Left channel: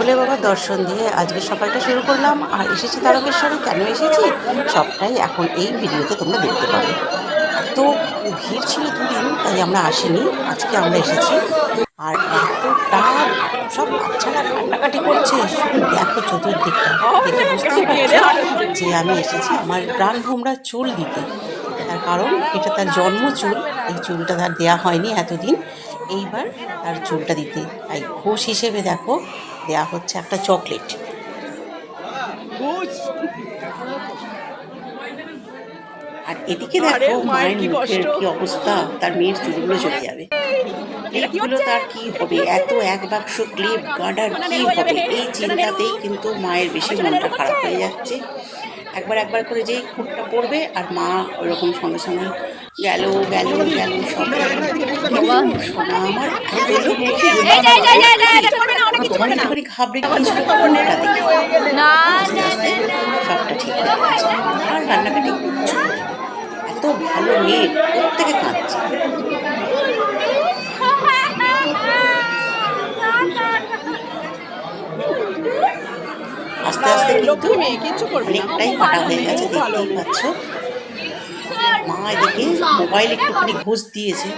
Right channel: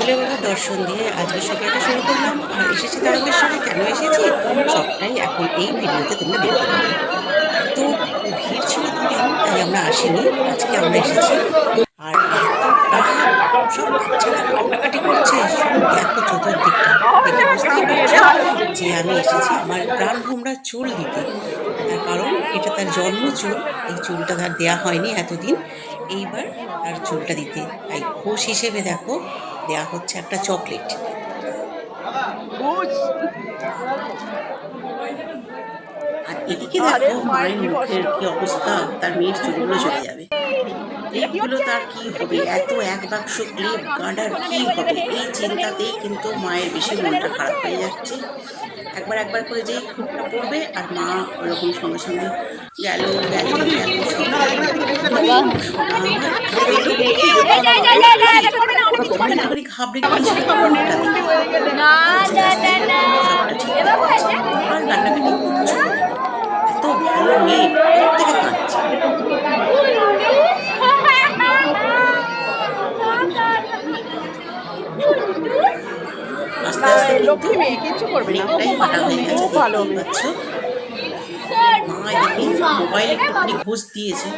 ভোলে বাবার দর্শন দিয়ে আজকে সকালটা শুরু করলাম। আর এসেছি তারকেশ্বরে। কেন এসেছি সবটাই এখন এই ভিডিওতে তোমরা দেখতে পাবে। এত ভিড় ছিল দুদিন, তাই আমরা আসিনি, আজকে আমরা এসেছি। আর এতটা সব বাচ্চারা কান্নাকাটি করছে, শুধু দেখো চতুর্দিকটা, দেখে বুঝতেই পারছো যে আমি এসেছি আমার প্রাণ ভোমরা চুল দিতে। তার কারণ এটা তার জন্ম চুল, এই চুলটা তার দেয়া হয়নি এতদিন, এইবার তার চুলটা দিতে, তাই ঘোষ হিসেবে দেখো দেয়া হচ্ছে একটা চকলেট। আর এদিকে দেখো মায়ের মুখের কি অবস্থা, তার মেয়ের চুলগুলো চলে যাবে। ক্লিপগুলো তার কি হবে, এত এক বাক্স ক্লিপ গার্ডার কি হবে, এই চিন্তাতেই কিন্তু মায়ের বেশি মনটা খারাপ হয়ে যাচ্ছে। একবার একবার করে যেই খুঁটটা পড়বে আর মা ওরকম সঙ্গে সঙ্গে গেল গেল গেল সব এবং শোনা আমার এত লক্ষ্মী, একটুখানি ঘাবড়ে গিয়েছিল কোনটা দেখে, আস্তে আস্তে সবটা ঠিক হয়ে গেছে। আর কান্নাকাটি কিচ্ছু করে না, এত ভালো মেয়ে, প্রত্যেকে কাঁদছে। আস্তে আস্তে কিন্তু অনেকটাই কাটা হয়ে গেছে, দেখতেই পাচ্ছ। মা এদিকে মোবাইল একটুখানি ঘুষ দিয়েছে।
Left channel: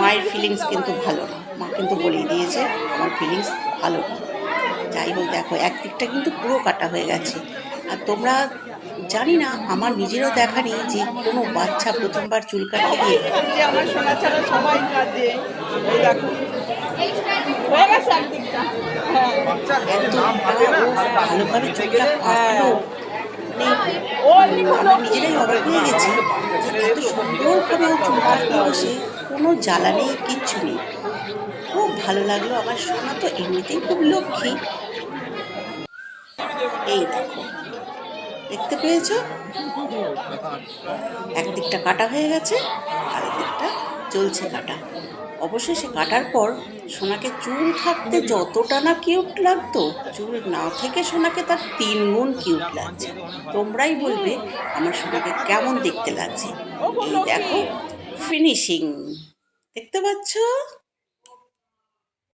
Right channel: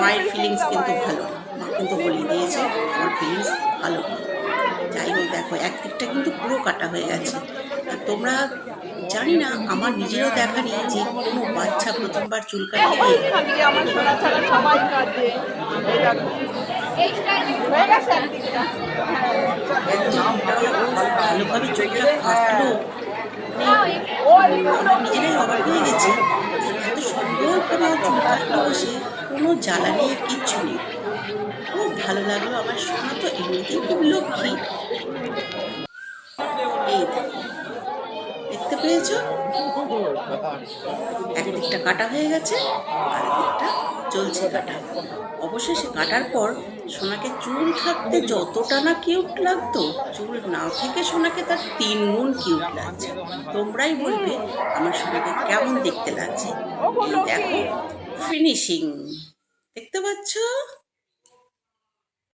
মায়ের ফিলিংস কিন্তু ভালো না, মা কিন্তু বলেই দিয়েছে আমার ফিলিংস ভালো না। যাই হোক দেখো একদিকটা কিন্তু পুরো কাটা হয়ে গেছে। আর তোমরা জানি না, আমার নিজেরও দেখা নেই যে কোনো বাচ্চা প্রথমবার চুল কাটতে গিয়ে ভালোভাবে চুলটা কাটলো, মানে আমরা নিজেরাই অবাক হয়ে গেছি যে এত সুন্দরভাবে ও চুল কাটলো বসে, কোনো জ্বালা নেই, কিচ্ছু নেই। খুব ভালো লাগলো, আমার সোনা তো এমনিতেই খুব লক্ষ্মী। এই দেখো, দেখতে পেয়েছো একদিকটা কাটা হয়ে গেছে, আর দিকটা চলছে কাটা। অবশ্যই সে কাটার পর সোনাকে চুল থাকতে যতটা না কিউট লাগতো, চুল না থেকে সোনাকে তার 3 গুণ কিউট লাগছে। তোমরাই বলবে আমার সোনাকে কেমন দেখতে লাগছে। এই দেখো ফিনিশিং, দেখতে পাচ্ছ।